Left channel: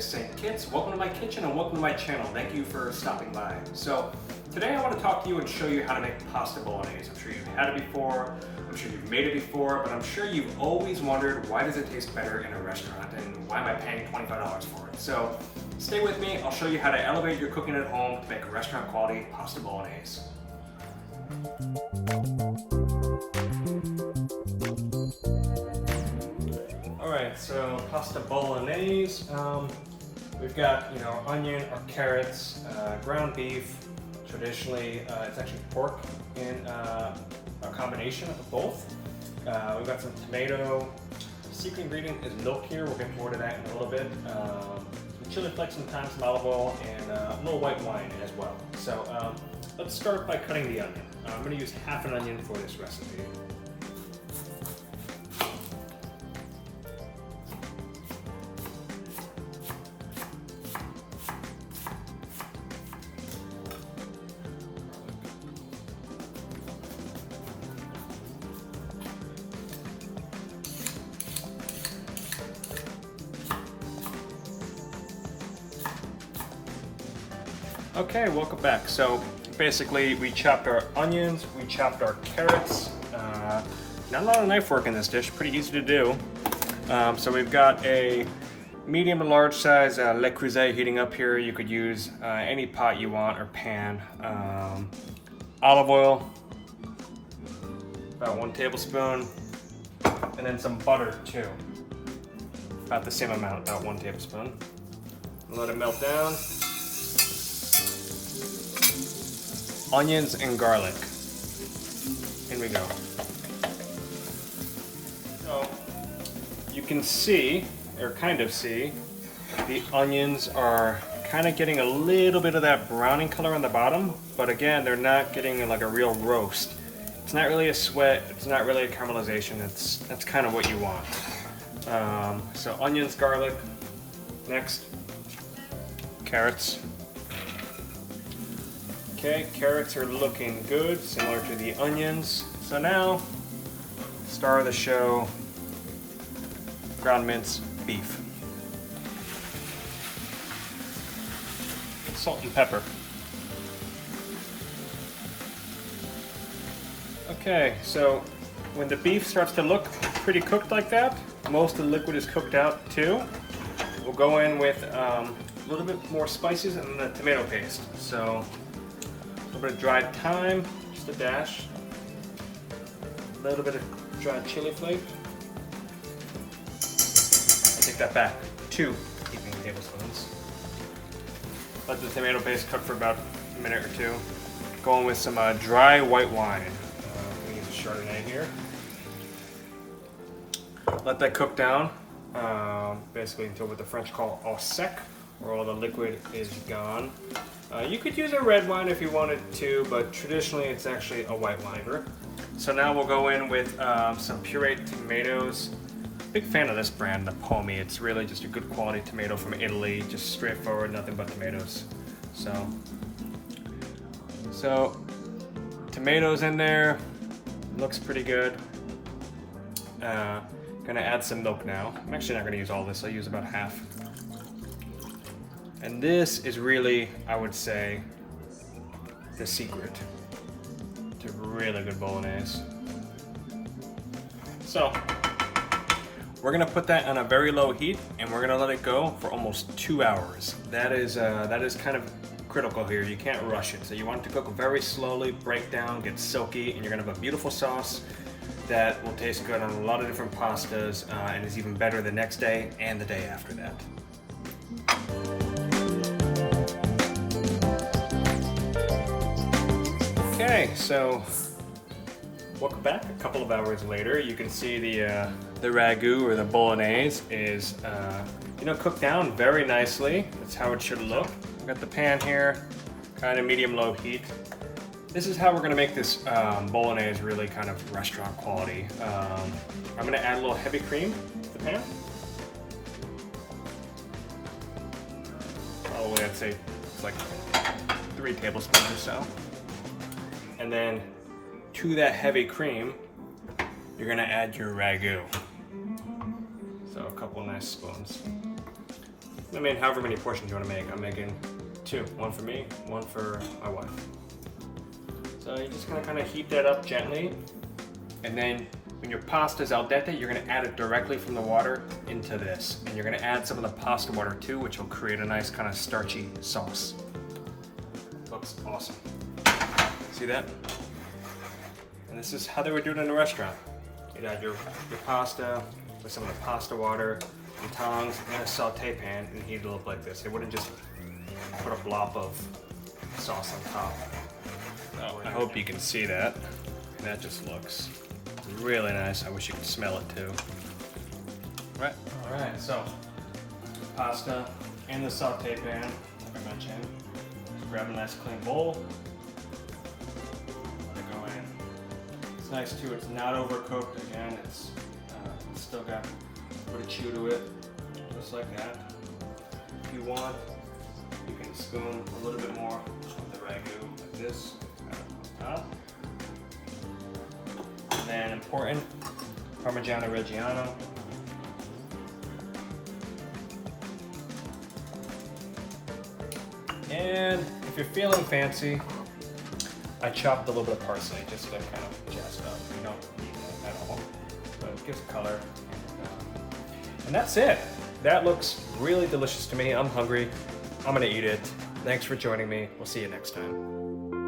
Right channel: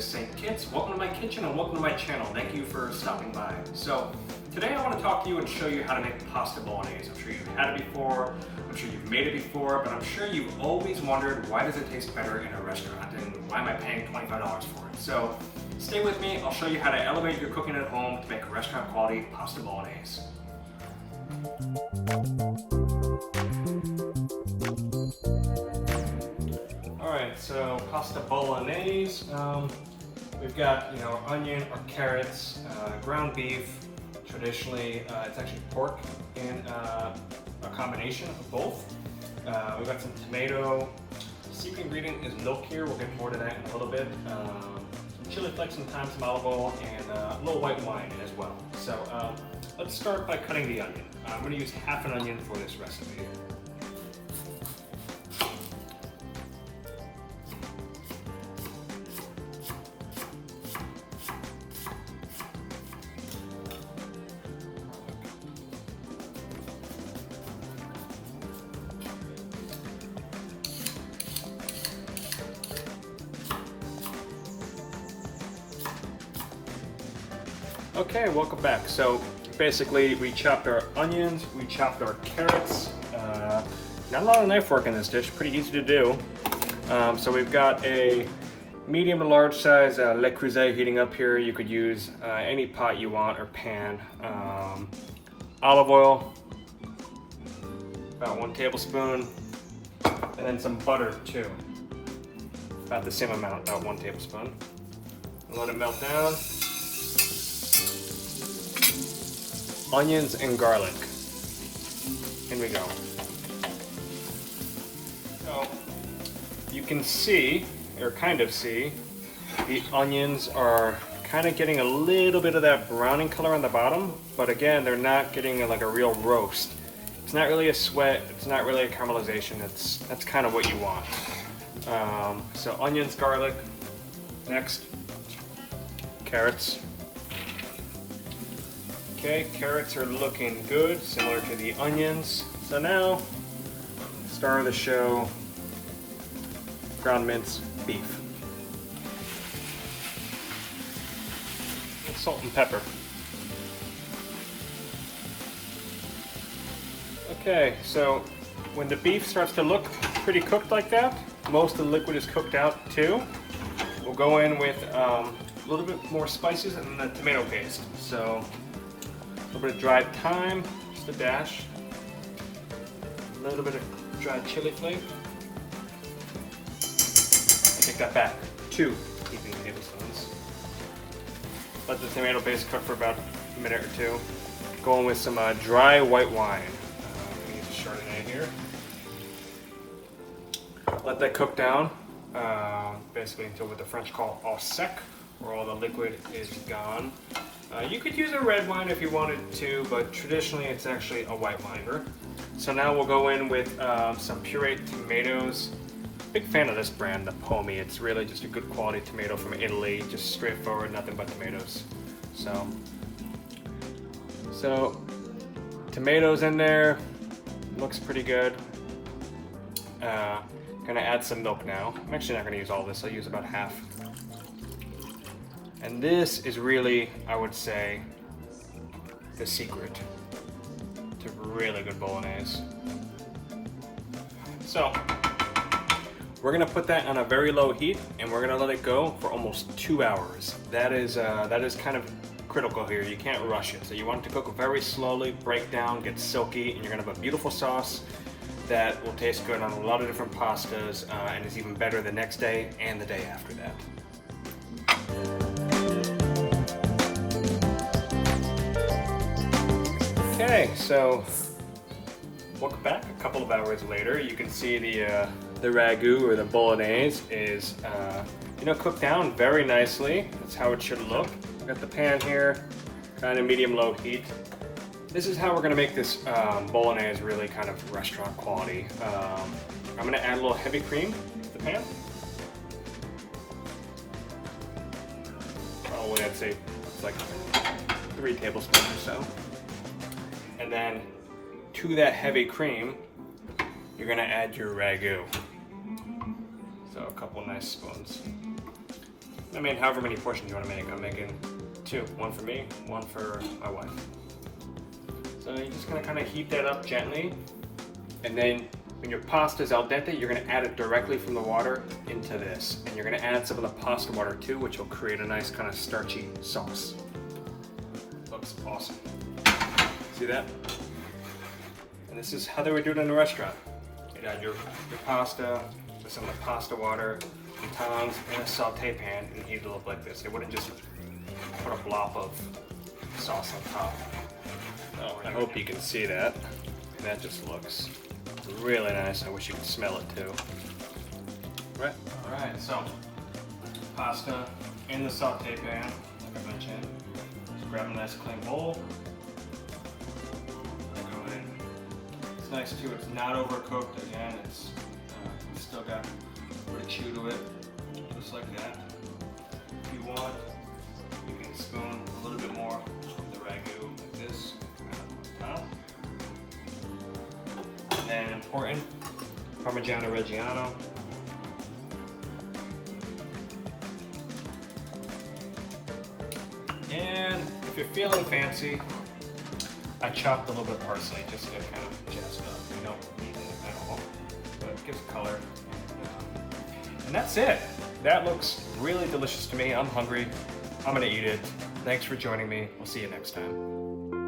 is St. Kitts. Welcome to my kitchen and welcome to my channel. Thank you for stopping by. So today I want to talk to you and show you how to make pasta bolognese. I'm sure you've had it before, I'm sure you've made it before, but I'm sure you've always wondered why does it taste better in a restaurant and why am I paying $25 for it? So stay with me, I'll show you how to elevate your cooking at home to make a restaurant quality pasta bolognese. Alright, so pasta bolognese. We've got onion or carrots, ground beef. Traditionally, it's actually pork in a combination of both. We've got some tomato. The secret ingredient is milk here. We'll get more to that in a little bit. Some chili flakes, some thyme, some olive oil, and a little white wine as well. So let's start by cutting the onion. I'm going to use half an onion for this recipe. Okay, welcome back. So basically we chopped our onions, we chopped our carrots. Not a lot of knife work in this dish, pretty easy to do. So we've got a medium to large size Le Creuset heating up here. You could use any pot you want or pan. Olive oil, about 1 tablespoon, and then some butter too. About the same amount, about 1 tablespoon. Let it melt down. Onions and garlic. In we go. So you can see, or kind of see, the onions are kind of getting a little bit of that browning color on the bottom, but again, they're not getting like a real roast. It's not really a sweat, it's not really a caramelization, that's kind of what you want. So onions, garlic, next, carrots. Okay, carrots are looking good, similar to the onions. So now, star of the show, ground minced beef. Salt and pepper. Okay, so when the beef starts to look pretty cooked like that, most of the liquid is cooked out too. We'll go in with a little bit more spices and the tomato paste. So a little bit of dried thyme, just a dash. A little bit of dried chili flake. Take that back, 2 heaping tablespoons. Let the tomato paste cook for about a minute or 2. Go in with some dry white wine. We use a Chardonnay here. Let that cook down, basically until what the French call au sec, where all the liquid is gone. You could use a red wine if you wanted to, but traditionally it's actually a white wine here. So now we'll go in with some pureed tomatoes. Big fan of this brand, the Pomi. It's really just a good quality tomato from Italy, just straightforward, nothing but tomatoes. So tomatoes in there, looks pretty good. Gonna add some milk now. I'm actually not gonna use all this, I'll use about half. And this is really, I would say, the secret to really good bolognese. So, we're gonna put that on a very low heat and we're gonna let it go for almost 2 hours. That is kind of critical here. You can't rush it. So you want it to cook very slowly, break down, get silky, and you're gonna have a beautiful sauce that will taste good on a lot of different pastas and is even better the next day and the day after that. Okay, so welcome back. A couple of hours later, you can see the ragu or the bolognese is cooked down very nicely. That's how it should look. I've got the pan here, kind of medium-low heat. This is how we're going to make this bolognese really kind of restaurant quality. I'm going to add a little heavy cream to the pan. Probably I'd say like 3 tablespoons or so. And then to that heavy cream, you're going to add your ragu. So a couple of nice spoons. I mean, however many portions you want to make. I'm making 2. 1 for me, 1 for my wife. So you're just gonna kind of heat that up gently. And then when your pasta is al dente, you're gonna add it directly from the water into this. And you're gonna add some of the pasta water too, which will create a nice kind of starchy sauce. Looks awesome. See that? And this is how they would do it in a restaurant. You'd add your pasta with some of the pasta water, and tongs, and a saute pan, and heat it up like this. They wouldn't just put a blob of sauce on top. I hope you can see that. And that just looks really nice. I wish you could smell it too. Right. Alright, so pasta in the saute pan, like I mentioned. Just grab a nice clean bowl. Go in. It's nice too, it's not overcooked again. It's still got a bit of chew to it. Just like that. If you want, you can spoon a little bit more of the ragu like this. And important, Parmesan Reggiano. And if you're feeling fancy, I chopped a little bit of parsley just to kind of just you know, so it gives color. And that's it. That looks really delicious to me. I'm hungry. I'm gonna eat it. Thanks for joining me. We'll see you next time.